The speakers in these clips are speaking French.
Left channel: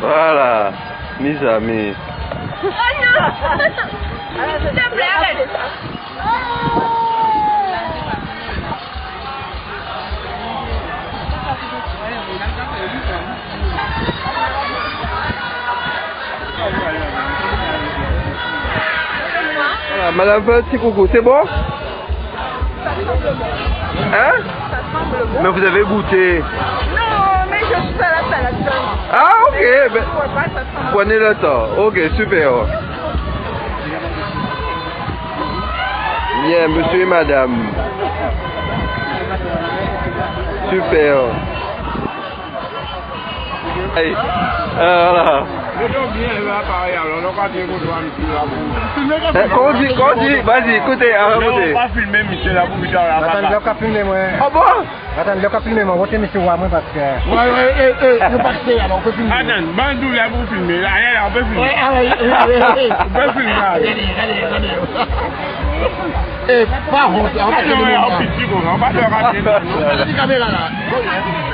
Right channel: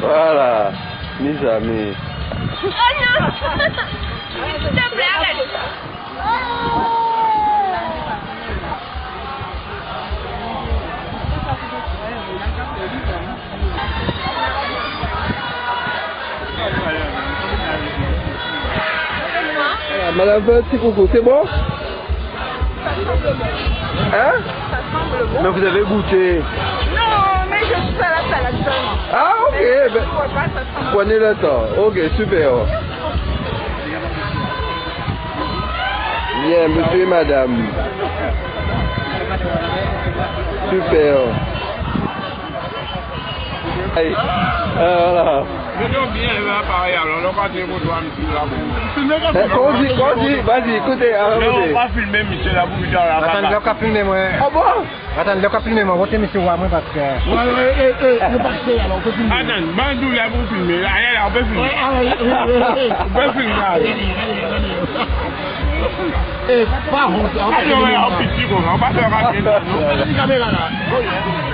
Voilà, mes amis. Oh non. S'il te plaît, arrête. Voilà, Madame Petit Coucou, c'est bon? Hein? Mais vous avez goûté? Non, mais je suis à la salade seulement. Ah, ok. Ben, prenez le temps. Ok, super. Bien, monsieur et madame. Super. Allez, voilà. Qu'on dit, vas-y, écoutez, on va filmer Michel Labou, attends, le cas filmer moi. Oh bon? Attends, le cas filmer moi, votez monsieur moi parce que... Ouais, nous passez, alors on peut filmer. Attends, Bandou Labou filmer, allez, on peut filmer. On peut filmer. Eh, pas honte. On petit comme ça, on va te rater. On va caméra là.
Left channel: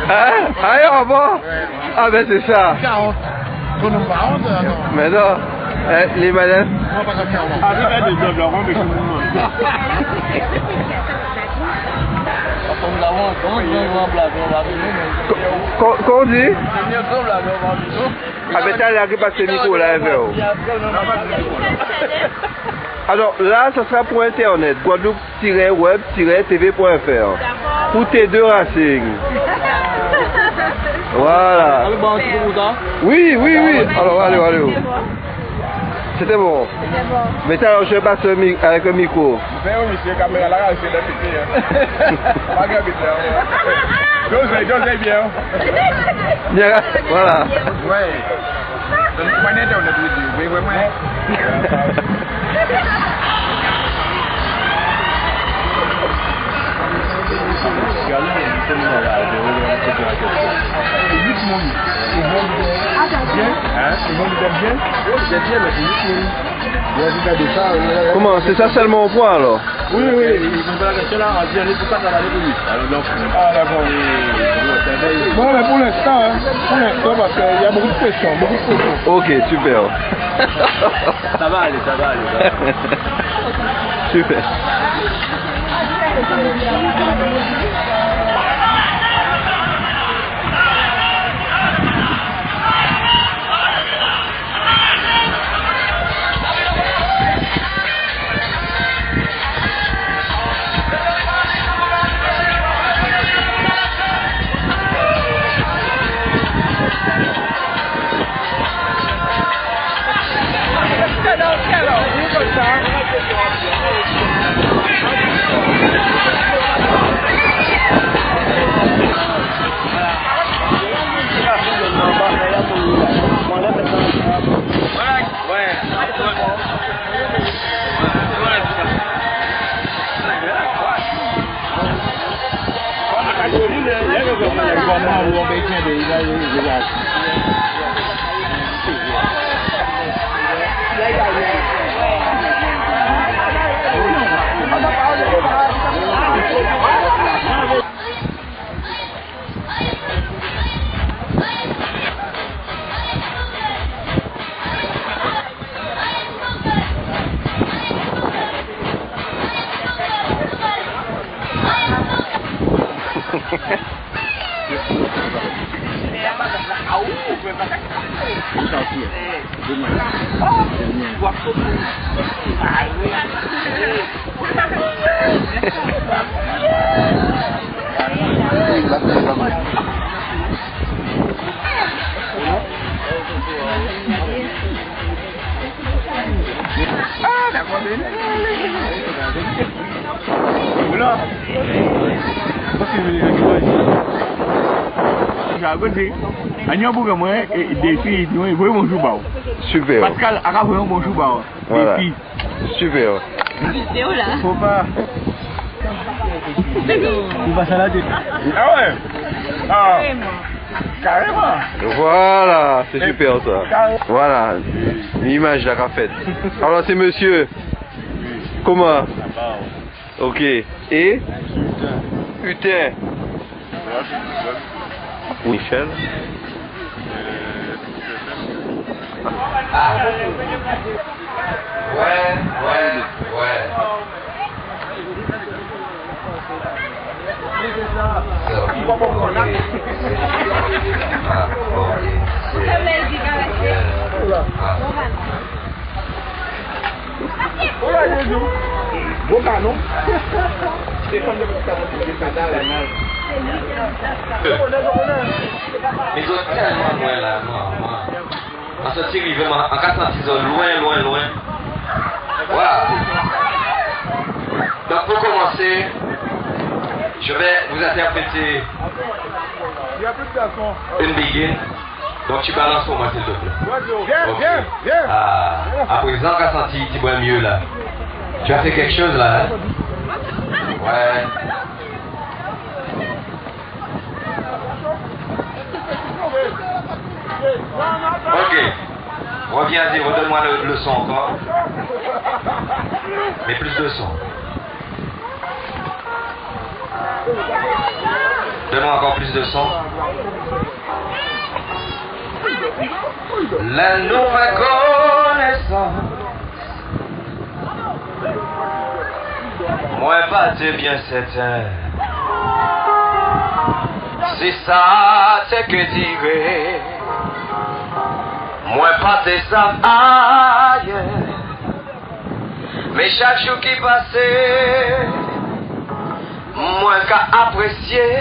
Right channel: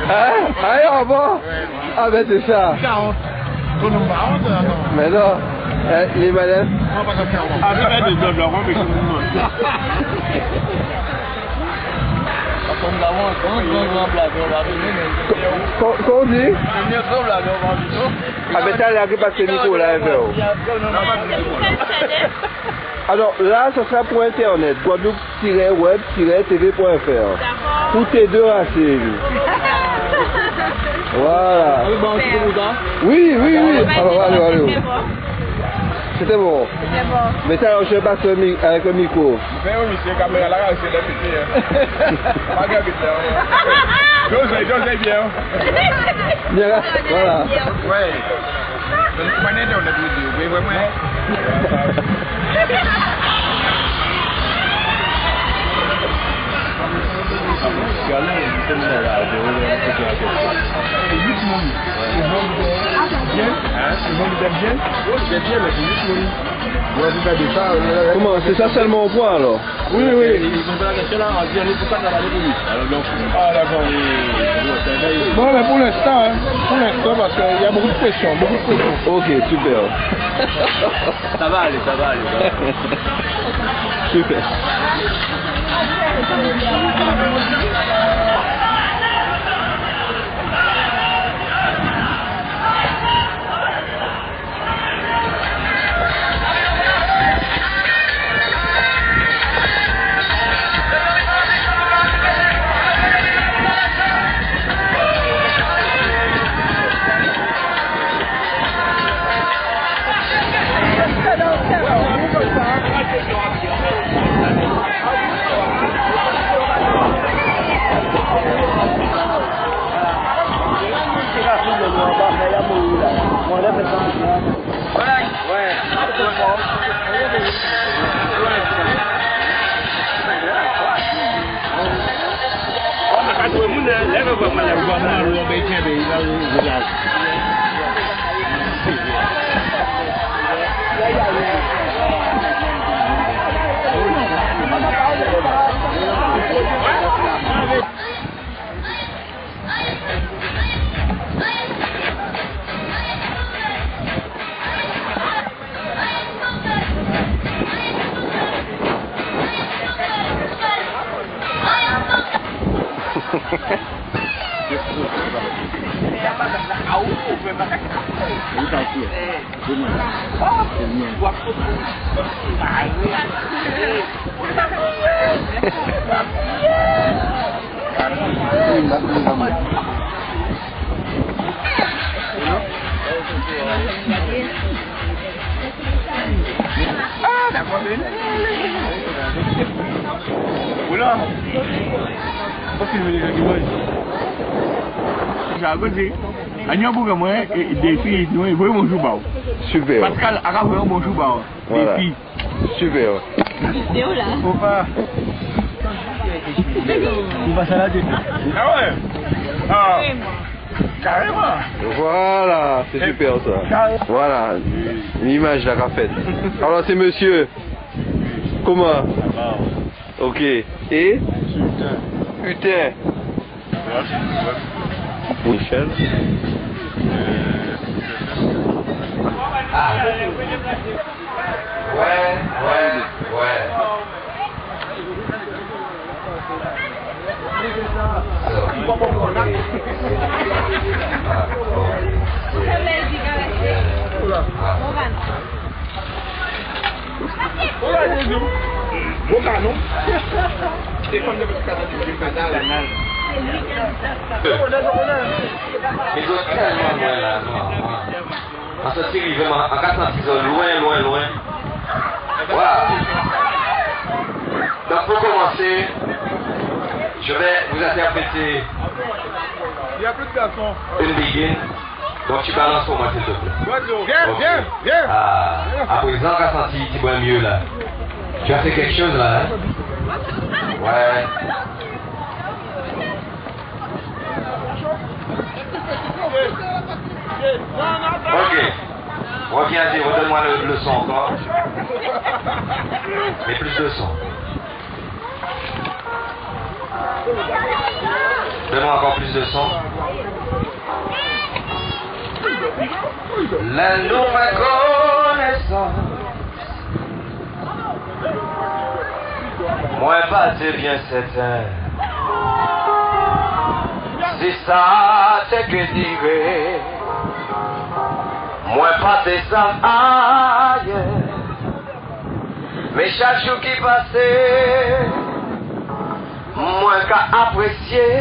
Hein? Allez, au revoir. Ah ben c'est ça. Mais non, les madames. Avec des autres, on met tout le monde. Qu'on dit? Ah ben t'as l'air que passer Nico là, alors là, ça sera pour internet, guadeloupe-web-tv.fr. Pour tes deux racines. Voilà. Oui, oui, oui. Alors, allez. C'était bon. Mais ça, je passe avec un micro. J'osais bien. Bien, voilà. Ouais. Comment? C'est ça seulement au point alors? Oui. Ils vont faire la question là, on dit on est pour ça dans la révolution. Alors donc, ah d'accord. Bon, mais pour l'instant, parce qu'il y a beaucoup de pression, Ok, super. Ça va aller. Super. Ah, d'accord. Voilà. Parce que je vais les j'ai raconté. Agnon pour moi des filles, nous voyons mon jouba. Super. Pascal a fait un bon jouba. Voilà. Des filles. Super. Faut pas. On va salader. Ah ouais. Ah. Carrément. Voilà, c'est super ça. Voilà, l'image de la fête. Alors c'est monsieur. Comment? Ok. Et? Putain. Michel. Ah. Ouais. Bon canon. Mais ils sont tellement loin là, moi. En sortir, ils vont en cas ils sont loin. Voilà. Donc pour commencer, je vais vous interpréter une begin. Donc tu balances pour moi s'il te plaît. Viens. Ah, à présent, qu'a senti tu bois mieux là. Tu as fait quelque chose là, hein? Ouais. Ok. Reviens-y, redonne-moi le son encore. Mais plus de son. Donne-moi encore plus de son. La nouvelle connaissance. Moi pas de bien certain. Si ça c'est que dire. Moi pas de ça ailleurs. Mais chaque jour qui passait, moi qu'à apprécier.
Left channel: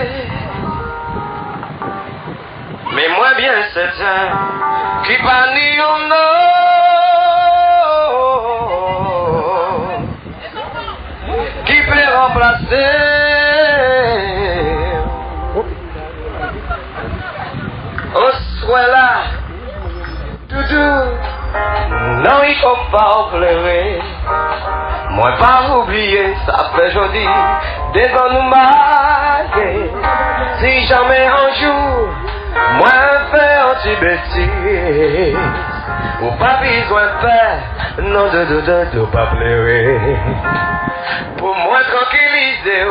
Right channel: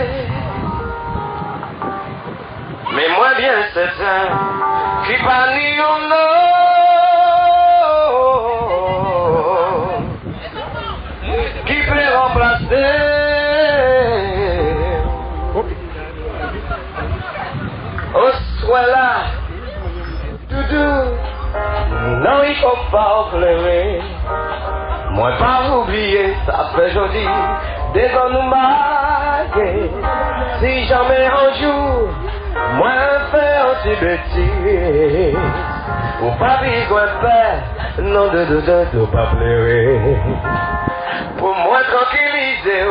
Mais moi bien certain qui pas ni un qui peut remplacer au soir là doudou non il faut pas pleurer moi pas oublier ça fait joli des ans nous marquer si jamais un jour moi fais un petit bêtise ou pas besoin de faire non de pas pleurer pour moi tranquilliser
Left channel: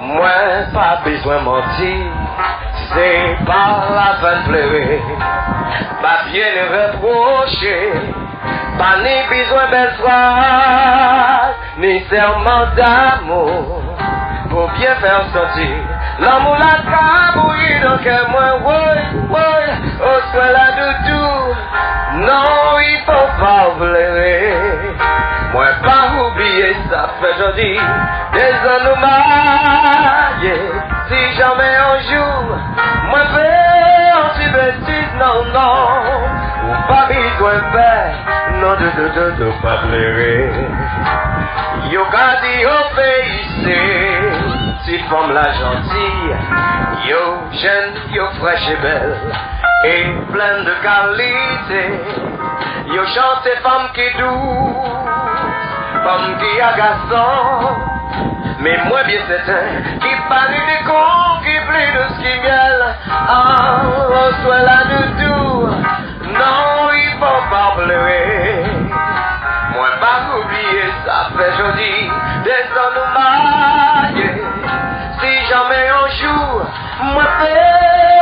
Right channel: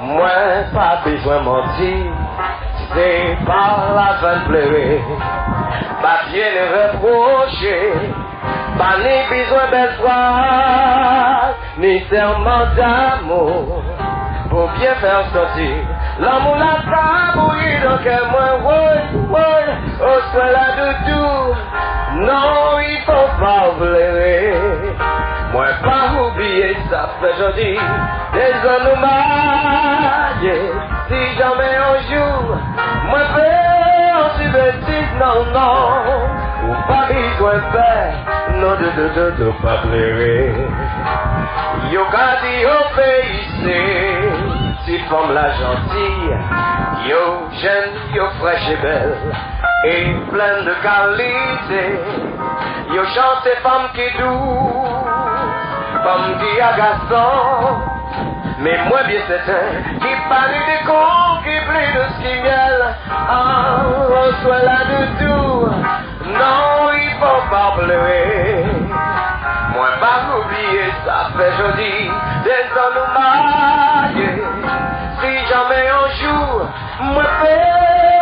moi pas besoin de mentir c'est pas la fin de pleurer pas bien le reprocher pas ni besoin belle phrase ni serment d'amour pour bien faire sortir l'amour la cabouille donc moi ouais au soin la doudou non il faut pas pleurer moi pas oublier ça fait joli des ans nous mariés si jamais un jour moi fais un petit bêtise non ou pas besoin de faire non de pas pleurer yo qu'a dit au pays si femme la gentille yo jeune yo fraîche et belle et pleine de qualité yo chante femme qui douce femme qui a garçon mais moi bien certain qui parle des cons qui plaît de ce qui miel reçoit la doudou non il faut pas pleurer moi pas oublier ça fait joli des ans nous mariés si jamais un jour moi fais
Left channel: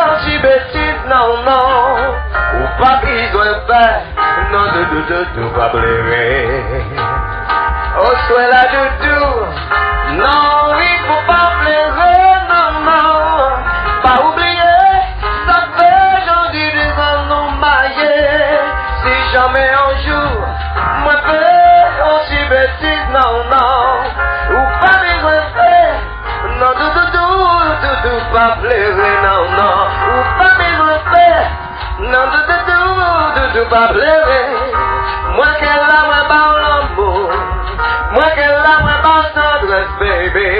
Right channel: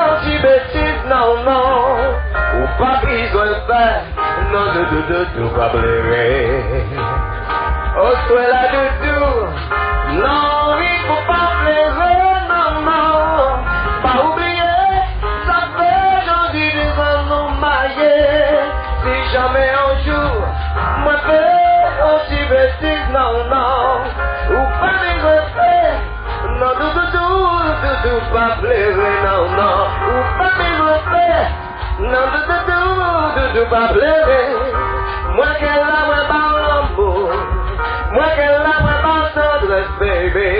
un petit bêtise non ou pas besoin de faire non de pas pleurer oh soit la doudou non il faut pas pleurer non pas oublier ça fait joli des ans nous mariés si jamais un jour moi fais un petit bêtise non ou pas besoin de faire non pas pleurer, non, non. Ou pas besoin faire. Non, de pas pleurer. Moi qu'elle a, moi pas l'amour. Moi qu'elle a, moi pas tendresse, baby.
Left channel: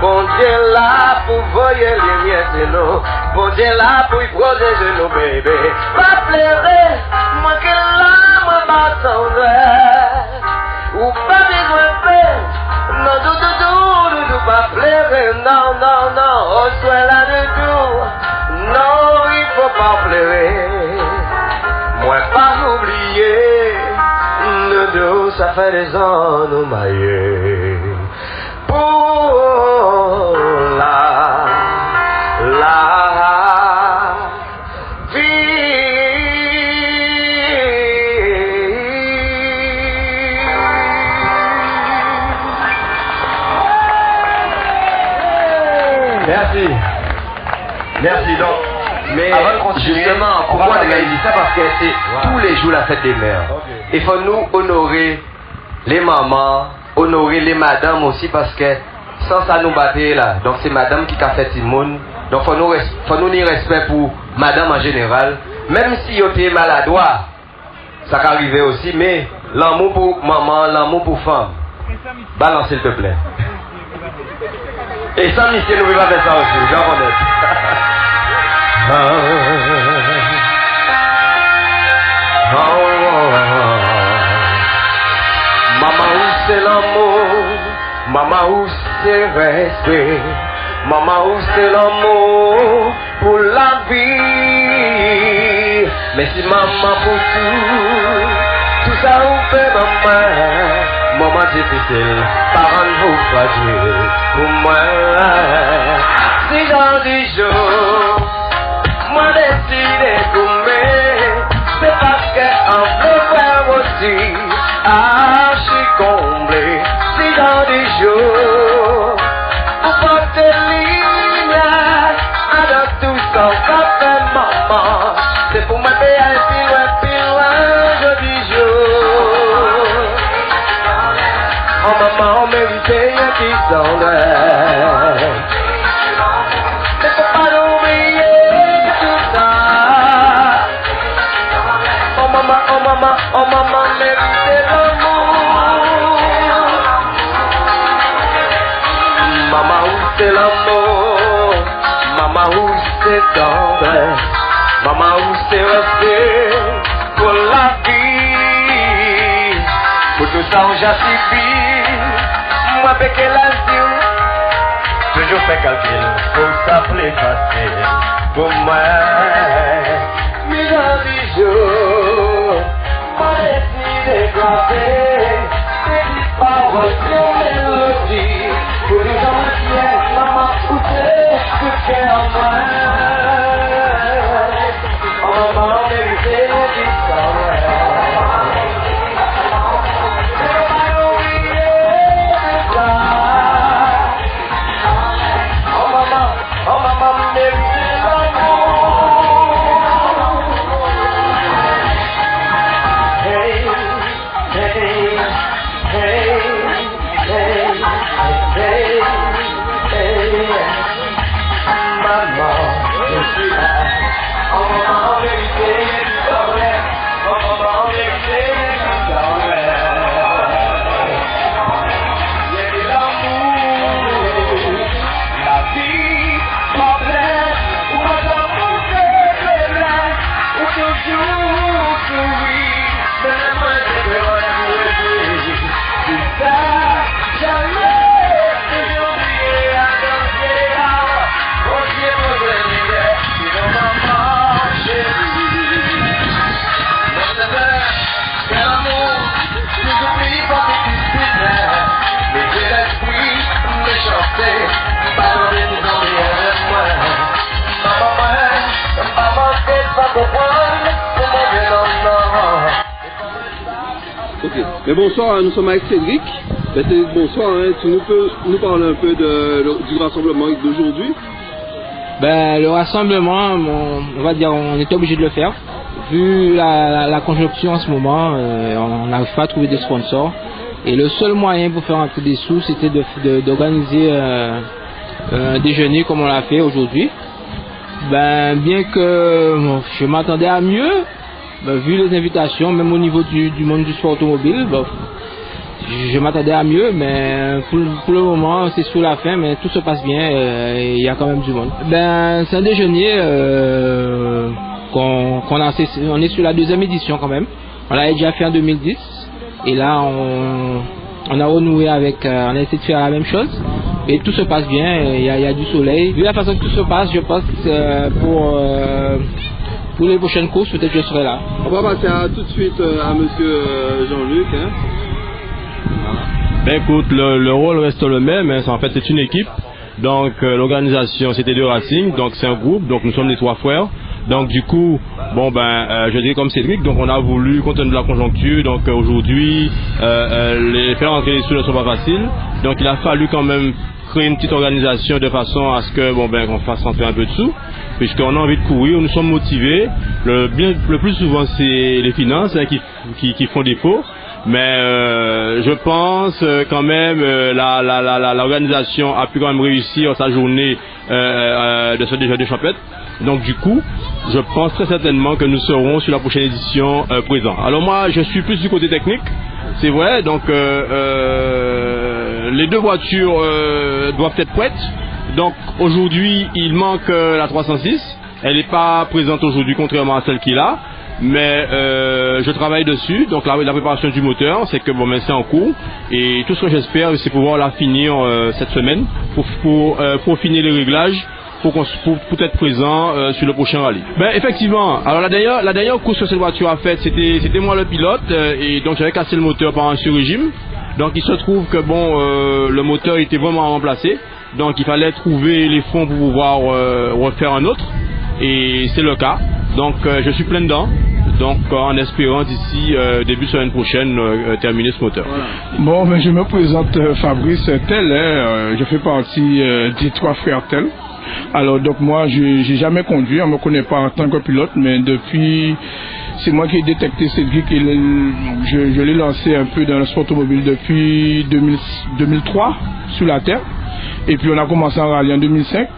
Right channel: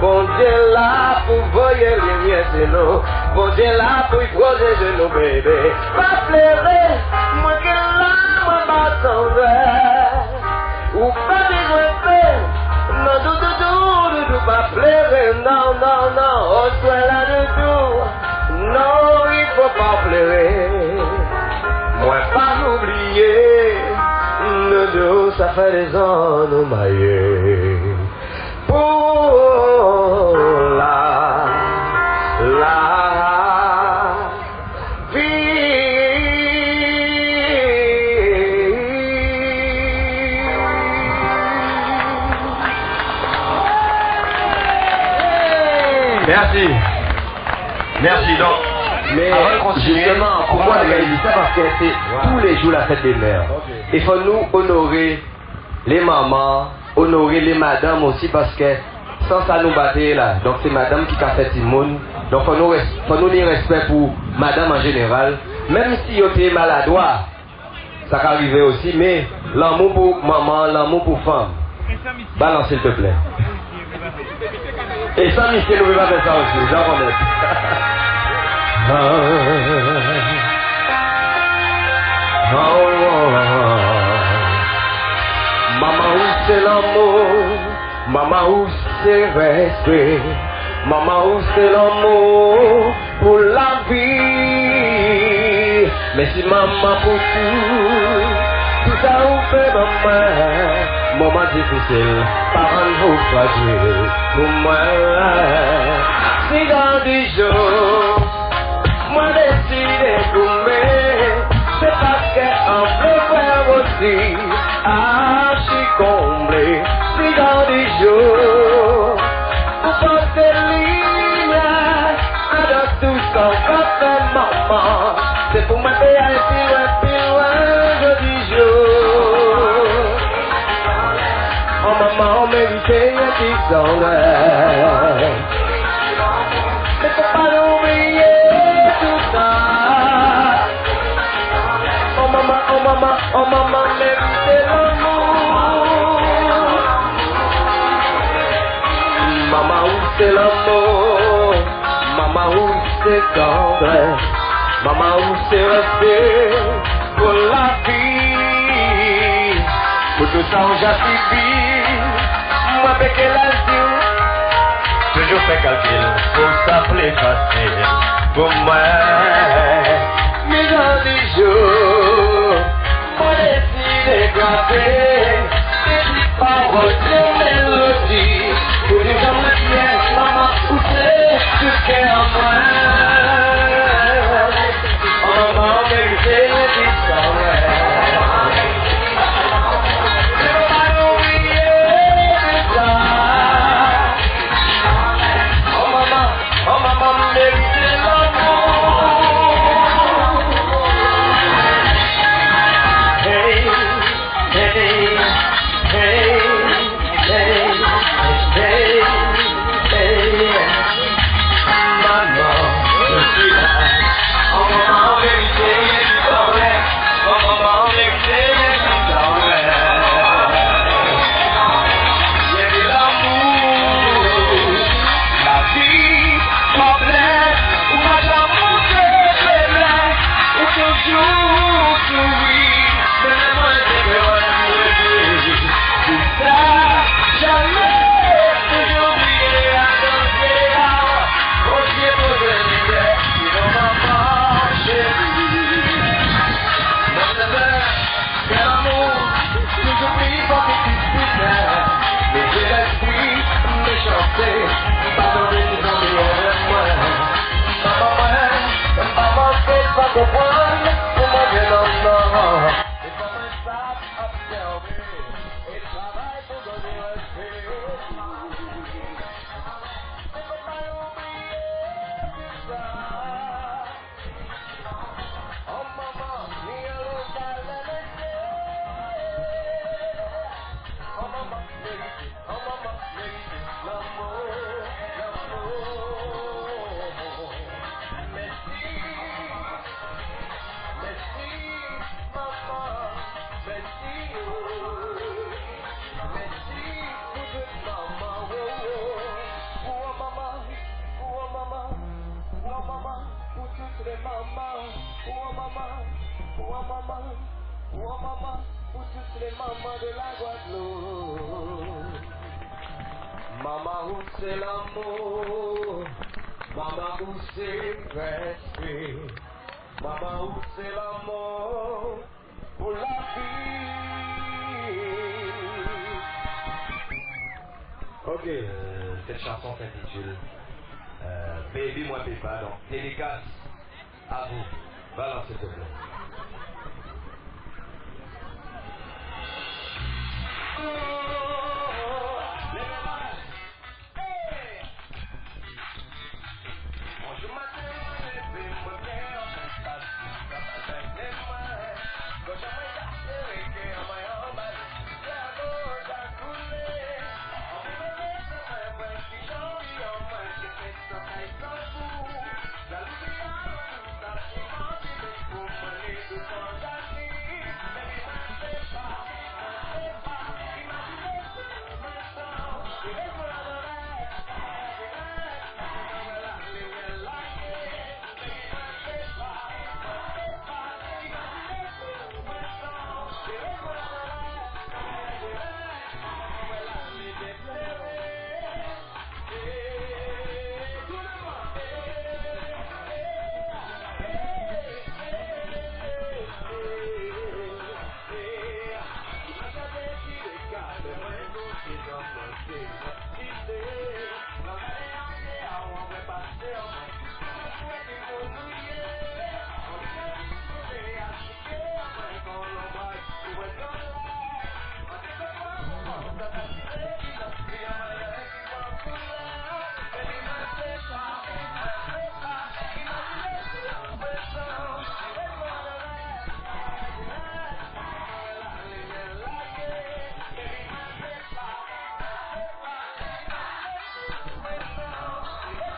Bon Dieu là pour voyer les miens, c'est nous. Bon Dieu là pour y protéger nous, baby. Pas pleurer. Moi qu'elle a, moi pas tendresse. Ou pas besoin faire. Non, pas pleurer, non, non, non, on soit là de tout. Non, il faut pas pleurer. Moi, pas m'oublier. Nous deux, ça fait des ans, nous maillés. Pour la Merci. Merci. Donc, mais avant de continuer, justement, pourquoi on a dit ça? Parce que c'est tous les jours la fête des mères. Il faut nous honorer les mamans, honorer les madames aussi, parce que sans ça nous battre là. Donc c'est madame qui a fait Simone. Donc faut nous dire respect pour madame en général. Même si vous êtes maladroit, ça peut arriver aussi, mais l'amour pour maman, l'amour pour femme. Balance s'il te plaît. Et sans monsieur, nous ne pouvons pas faire ça aussi, j'en connais. Maman, où c'est l'amour? Maman, où c'est respect? Maman, où c'est l'amour pour la vie? Mais si maman pour tout ça vous fait maman. Moment difficile, parents vous fragile pour moi. Si dans 10 jours, moi décide d'aimer, c'est parce qu'en veut faire aussi, archi comblé. Si dans 10 jours, vous portez ligne, avec tout ça, va faire maman. C'est pour moi payer plus loin, je dis jour. Oh maman, on méritait un petit sondage. Mais faut pas l'oublier tout ça. Oh maman, méritait l'amour. Maman, où c'est l'amour? Maman, où c'est tendresse? Maman, où c'est respect pour la vie? Pour tout ça, on j'ai subi. Moi, avec l'azur, toujours fait calcul pour s'appeler facile. Pour moi, mais dans 10 jours, moi, décide de graver des paroles de mélodie. Pour les gens de pièce, maman, où c'est tout qu'est en moi? Oh, maman, mérité du sang, Mais bonsoir, nous sommes avec Cédric. Bonsoir, hein, tu peux nous parler un peu du rassemblement d'aujourd'hui? Le rassemblement, on va dire, on est obligé de le faire. Vu la conjoncture en ce moment, on n'arrive pas à trouver des sponsors. Et le seul moyen pour faire un peu des sous, c'était d'organiser un déjeuner comme on l'a fait aujourd'hui. Ben, bien que je m'attendais à mieux, ben, vu les invitations, même au niveau du monde du sport automobile, ben, je m'attendais à mieux, mais pour le moment c'est sur la fin, mais tout se passe bien, il y a quand même du monde. Ben, c'est un déjeuner on est sur la 2e édition quand même. On l'avait déjà fait en 2010 et là on a renoué avec, on a essayé de faire la même chose et tout se passe bien, il y a du soleil. Vu la façon que tout se passe, je pense pour les prochaines courses, peut-être je serai là. On va passer tout de suite à monsieur Jean-Luc. Hein. Ben écoute, le rôle reste le même, hein. En fait c'est une équipe. Donc l'organisation CT2 Racing, donc c'est un groupe, donc nous sommes les 3 frères. Donc du coup, je dirais comme Cédric, donc on a voulu, compte tenu de la conjoncture, donc aujourd'hui, les faire entrer les sous ne sont pas faciles. Donc il a fallu quand même créer une petite organisation de façon à ce que qu'on fasse rentrer un peu de sous, puisqu'on a envie de courir, nous sommes motivés. Le plus souvent c'est les finances qui font défaut. Mais je pense quand même l'organisation a pu quand même réussir sa journée de ce déjeuner champêtre. Donc du coup, je pense très certainement que nous serons sur la prochaine édition présents. Alors moi, je suis plus du côté technique, c'est vrai. Donc les 2 voitures doivent être prêtes. Donc aujourd'hui, il manque la 306. Elle n'est pas présente aujourd'hui, contrairement à celle qui est là. Mais je travaille dessus, donc la préparation du moteur, c'est que c'est en cours et tout ce que j'espère c'est pouvoir la finir cette semaine pour finir les réglages pour être présent sur le prochain rallye. Ben effectivement, alors la dernière course que cette voiture a faite, c'était moi le pilote et donc j'avais cassé le moteur par un sur-régime. Donc il se trouve que le moteur était vraiment remplacé, donc il fallait trouver les fonds pour pouvoir refaire un autre et c'est le cas. Donc je suis plein dedans, donc en espérant d'ici début semaine prochaine terminer ce moteur. Bon, je me présente Fabrice Tel, je fais partie des 3 frères Tel. Alors donc moi j'ai jamais conduit, on ne me connaît pas en tant que pilote, mais depuis, c'est moi qui ai détecté Cédric et je l'ai lancé un peu dans le sport automobile depuis 2003 sur la terre, et puis on a commencé en rallye en 2005.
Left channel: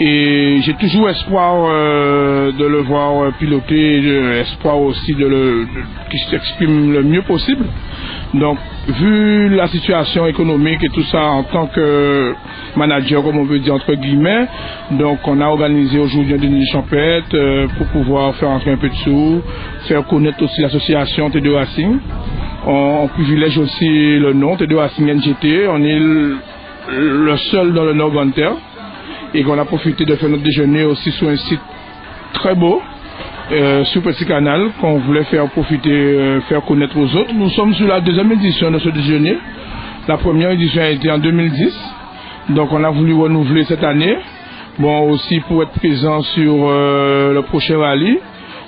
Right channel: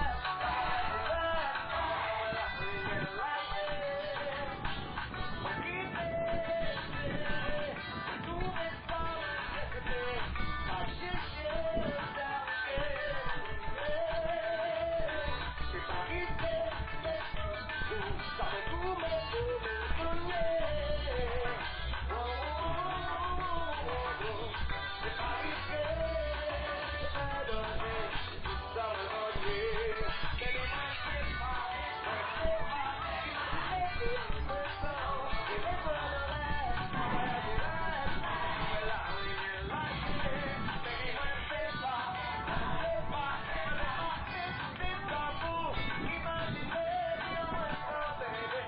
Et j'ai toujours espoir de le voir piloter, espoir aussi qu'il s'exprime le mieux possible. Donc, vu la situation économique et tout ça en tant que manager, comme on veut dire entre guillemets, donc on a organisé aujourd'hui un déjeuner champêtre pour pouvoir faire entrer un peu de sous, faire connaître aussi l'association T2 Racing. On privilège aussi le nom T2 Racing NGT, on est le seul dans le Nord Grande-Terre. Et qu'on a profité de faire notre déjeuner aussi sur un site très beau, sur Petit Canal, qu'on voulait faire profiter, faire connaître aux autres. Nous sommes sur la 2e édition de ce déjeuner. La première édition a été en 2010, donc on a voulu renouveler cette année. Bon, aussi pour être présent sur le prochain rallye.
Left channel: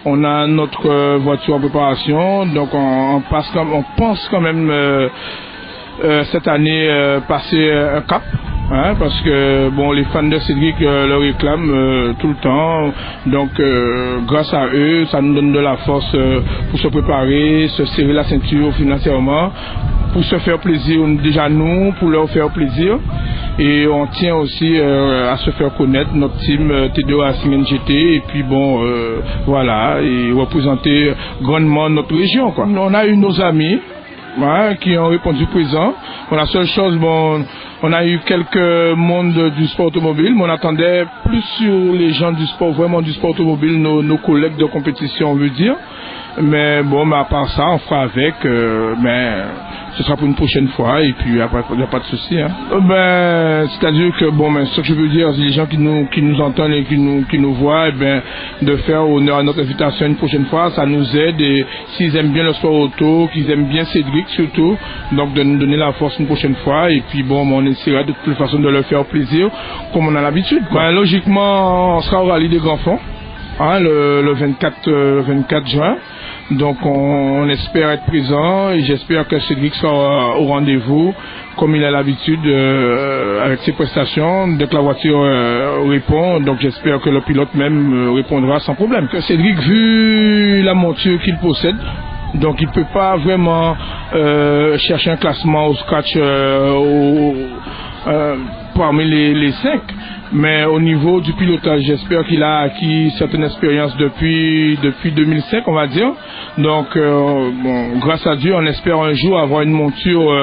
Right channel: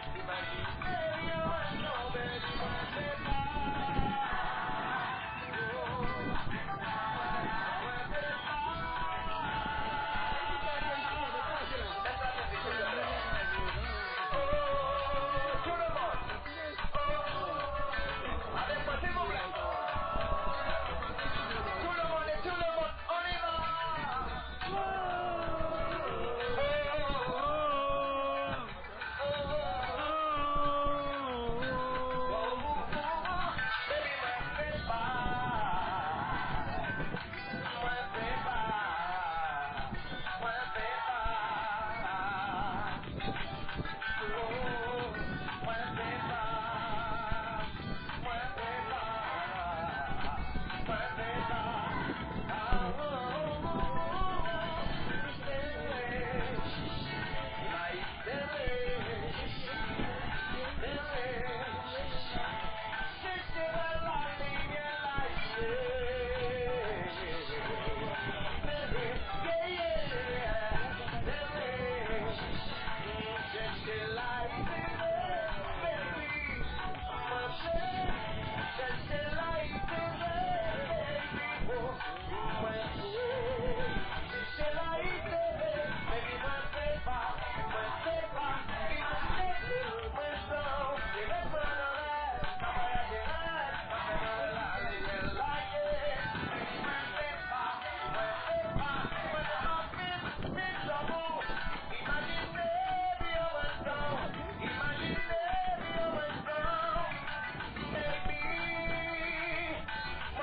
On a notre voiture en préparation, donc on pense quand même cette année passer un cap. Parce que les fans de Cédric le réclament tout le temps, donc grâce à eux ça nous donne de la force pour se préparer, se serrer la ceinture financièrement, pour se faire plaisir déjà nous, pour leur faire plaisir, et on tient aussi à se faire connaître notre team T2 Racing NGT, et puis voilà, et représenter grandement notre région, quoi. On a eu nos amis qui ont répondu présent. La seule chose, on a eu quelques mondes du sport automobile, mais on attendait plus sur les gens du sport, vraiment du sport automobile, nos collègues de compétition, on veut dire. Mais à part ça, on fera avec, mais ce sera pour une prochaine fois, et puis après, il n'y a pas de souci. C'est-à-dire que, ce que je veux dire, c'est les gens qui nous entendent et qui nous voient, de faire honneur à notre invitation une prochaine fois, ça nous aide, et s'ils aiment bien le sport auto, qu'ils aiment bien Cédric surtout, donc de nous donner la force une prochaine fois, et puis on essaiera de toute façon de leur faire plaisir, comme on a l'habitude. Logiquement, on sera au rallye des grands fonds, le 24 juin. Donc on espère être présent, et j'espère que Cédric sera au rendez-vous comme il a l'habitude avec ses prestations. Dès que la voiture répond, donc j'espère que le pilote même répondra sans problème. Que Cédric, vu la monture qu'il possède, donc il ne peut pas vraiment chercher un classement au scratch parmi les 5. Mais au niveau du pilotage, j'espère qu'il a acquis certaines expériences depuis 2005, on va dire. Donc, bon, grâce à Dieu, on espère un jour avoir une monture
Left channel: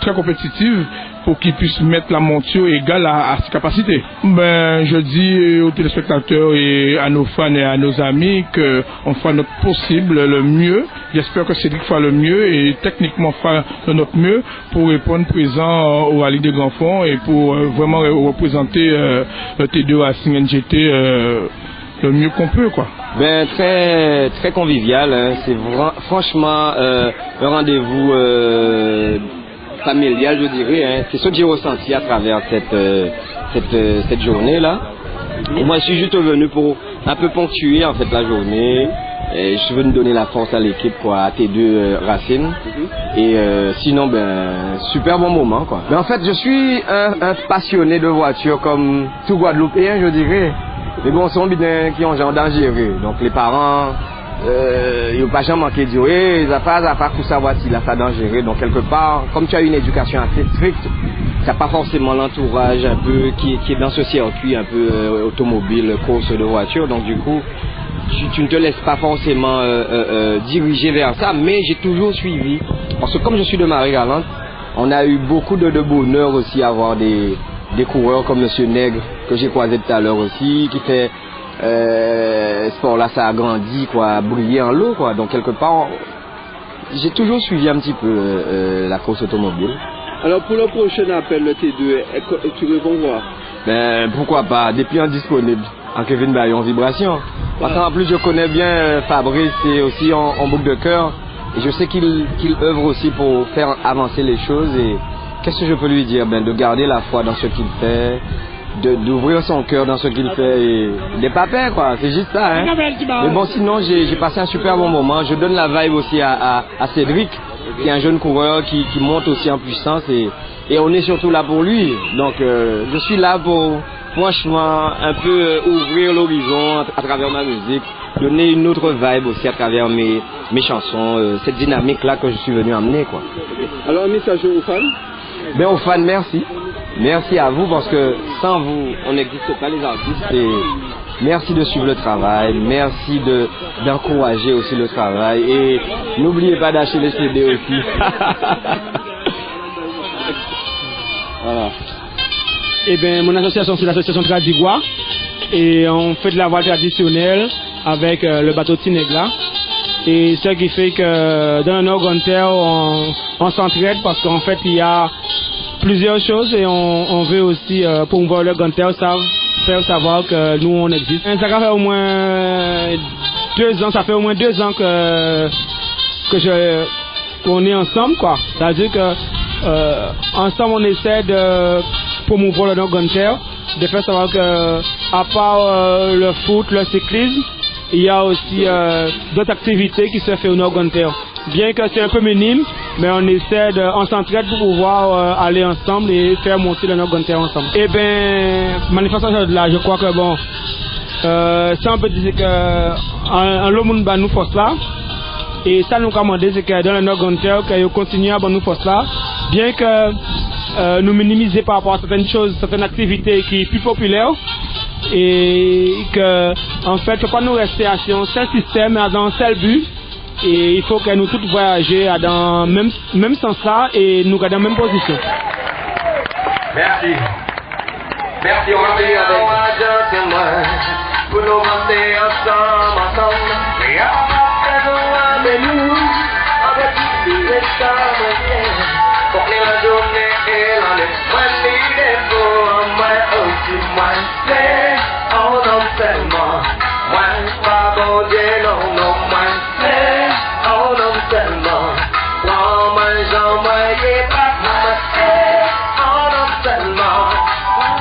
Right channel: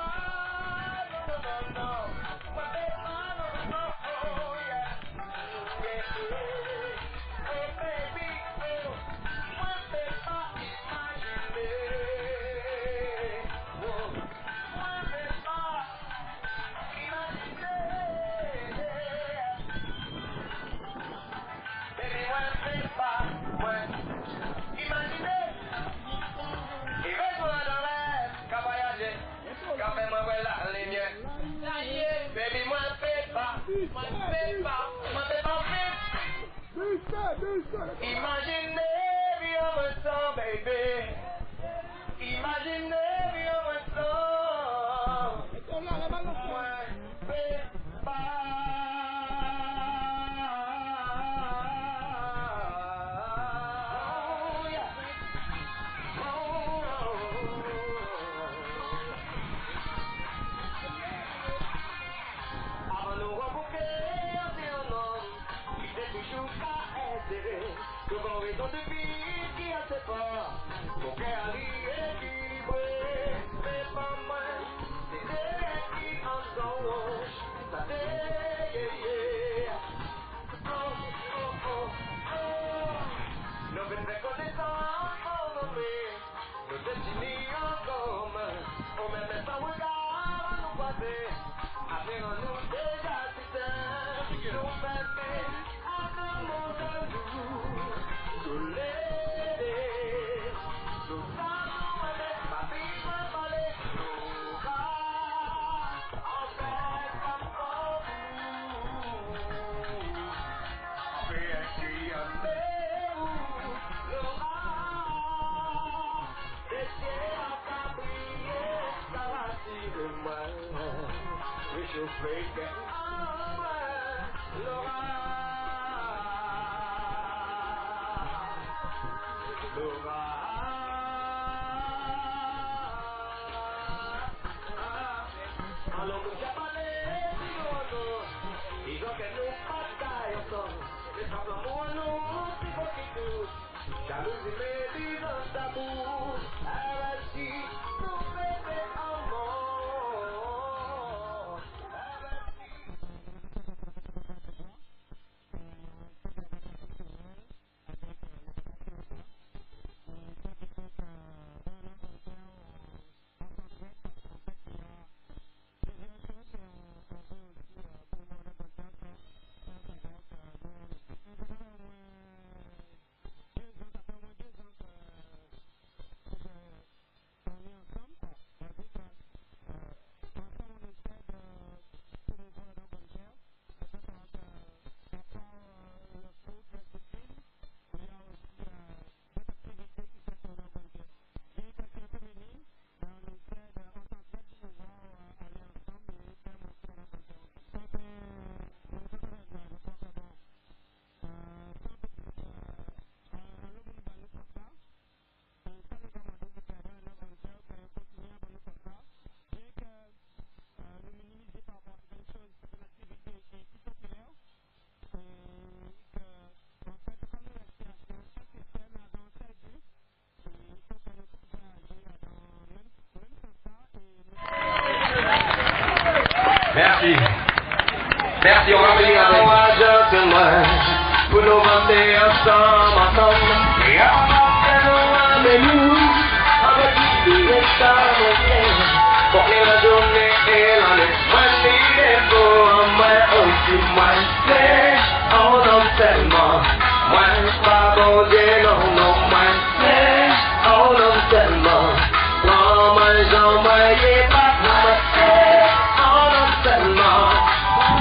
très compétitive pour qu'il puisse mettre la monture égale à ses capacités. Ben, je dis aux téléspectateurs et à nos fans et à nos amis qu'on fera notre possible, le mieux. J'espère que Cédric fera le mieux et techniquement fera de notre mieux pour répondre présent au Rallye des Grands Fonds et pour vraiment représenter le T2 Racing NGT le mieux qu'on peut, quoi. Ben, très, très convivial, hein. C'est franchement un rendez-vous familial, je dirais, hein. C'est ce que j'ai ressenti à travers cette journée-là. Et moi, je suis juste venu pour un peu ponctuer en fait la journée. Et je suis venu donner la force à l'équipe, quoi, à T2 Racing. Et sinon, ben, super bon moment, quoi. Mais en fait, je suis un passionné de voitures comme tout Guadeloupéen, je dirais. Mais bon, sont bien qui ont genre dangereux. Donc les parents, ils n'ont pas jamais manqué de dire, hey, ça pas tout savoir si là ça dangereux. Donc quelque part, comme tu as une éducation assez stricte, tu n'as pas forcément l'entourage un peu qui est dans ce circuit un peu automobile, course de voiture. Donc du coup, tu ne te laisses pas forcément diriger vers ça, mais j'ai toujours suivi. Parce que comme je suis de Marie-Galante, on a eu beaucoup de bonheur aussi à avoir des coureurs comme Monsieur Nègre, que j'ai croisé tout à l'heure aussi, qui fait sport là, ça a grandi, quoi, briller en l'eau, quoi. Donc quelque part, j'ai toujours suivi un petit peu la course automobile. Alors pour le prochain appel, le T2, tu réponds quoi? Ben pourquoi pas, des clients disponibles. En Kevin Bayon Vibration. Parce qu'en plus je connais bien Fabrice et aussi en boucle de cœur. Et je sais qu'il œuvre aussi pour faire avancer les choses. Et qu'est-ce que je peux lui dire? Ben, de garder la foi dans ce qu'il fait, d'ouvrir son cœur dans ce qu'il fait. Et il n'est pas peur, quoi. C'est juste ça, hein. Mais bon, sinon, j'ai passé un super bon moment. Je donne la vibe aussi à Cédric, qui est un jeune coureur qui monte aussi en puissance. Et on est surtout là pour lui. Donc, je suis là pour, franchement, un peu ouvrir l'horizon à travers ma musique. Donner une autre vibe aussi à travers mes chansons, cette dynamique-là que je suis venu amener, quoi. Alors, un message aux fans? Ben, aux fans, merci. Merci à vous parce que sans vous, on n'existe pas les artistes. Et merci de suivre le travail, merci d'encourager aussi le travail. Et n'oubliez pas d'acheter les CD aussi. Voilà. Eh bien, mon association, c'est l'association Tradigua. Et on fait de la voile traditionnelle avec le bateau Tinegla. Et ce qui fait que dans le Nord Gonter, on s'entraide parce qu'en fait, il y a plusieurs choses et on veut aussi promouvoir le Gonter, faire savoir que nous, on existe. Ça fait au moins 2 ans, ça fait au moins 2 ans qu'on est ensemble, quoi. C'est-à-dire que ensemble, on essaie de promouvoir le Nord Gonter, de faire savoir que à part le foot, le cyclisme, il y a aussi d'autres activités qui se font au Nord Gonter. Bien que c'est un peu minime, mais on s'entraide pour pouvoir aller ensemble et faire monter le Nord Gonter ensemble. Et bien, manifestation de là, je crois que bon, ça on peut dire que le monde nous force là. Et ça nous commande, c'est que dans le Nord Gonter, qu'on continue à nous force là, bien que nous minimiser par rapport à certaines choses, certaines activités qui sont plus populaires. Et que en fait, il ne faut pas nous rester assis dans un seul système, dans un seul but. Et il faut que nous tous voyagions dans le même sens là et nous garder la même position. Merci. Merci, on va venir avec pour nous monter ensemble. Et avec nous, avec pour la journée et l'année. Moi, c'est pour moi aussi, moi, c'est on en tellement. Moi, pas bon Dieu, non, non, moi, c'est on en tellement. Non, moi, j'en voyais pas, moi, c'est on en tellement.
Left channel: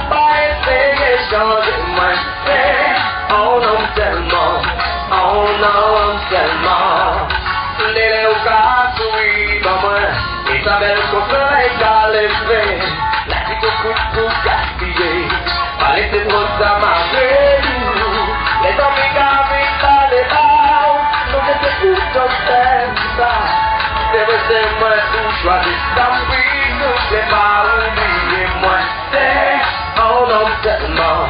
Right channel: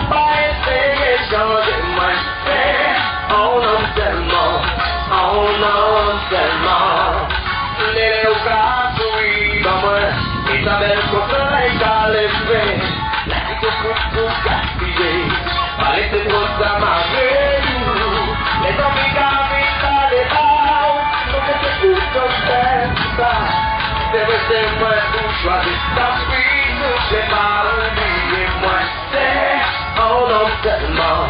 Pas essayer de changer, moi, c'est on en tellement. On en tellement. Les au cas, oui, bah, moi. Et ta belle soleil qu'a levé, la petite coup pour gaspiller, paraît c'est trop d'amarrer. Les hommes qui habitent à l'état, nous c'est tout comme ça. C'est vrai, c'est moi où choisir, tant pis, nous c'est pas oublier moi. c'est, oh non seulement,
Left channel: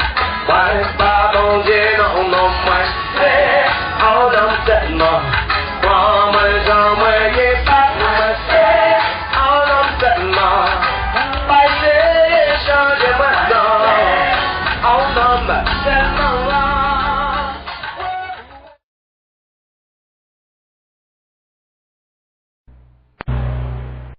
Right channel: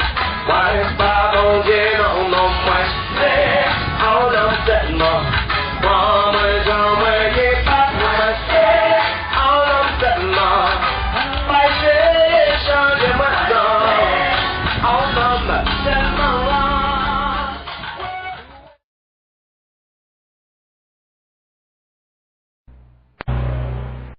ouais, pas bon Dieu, non, non,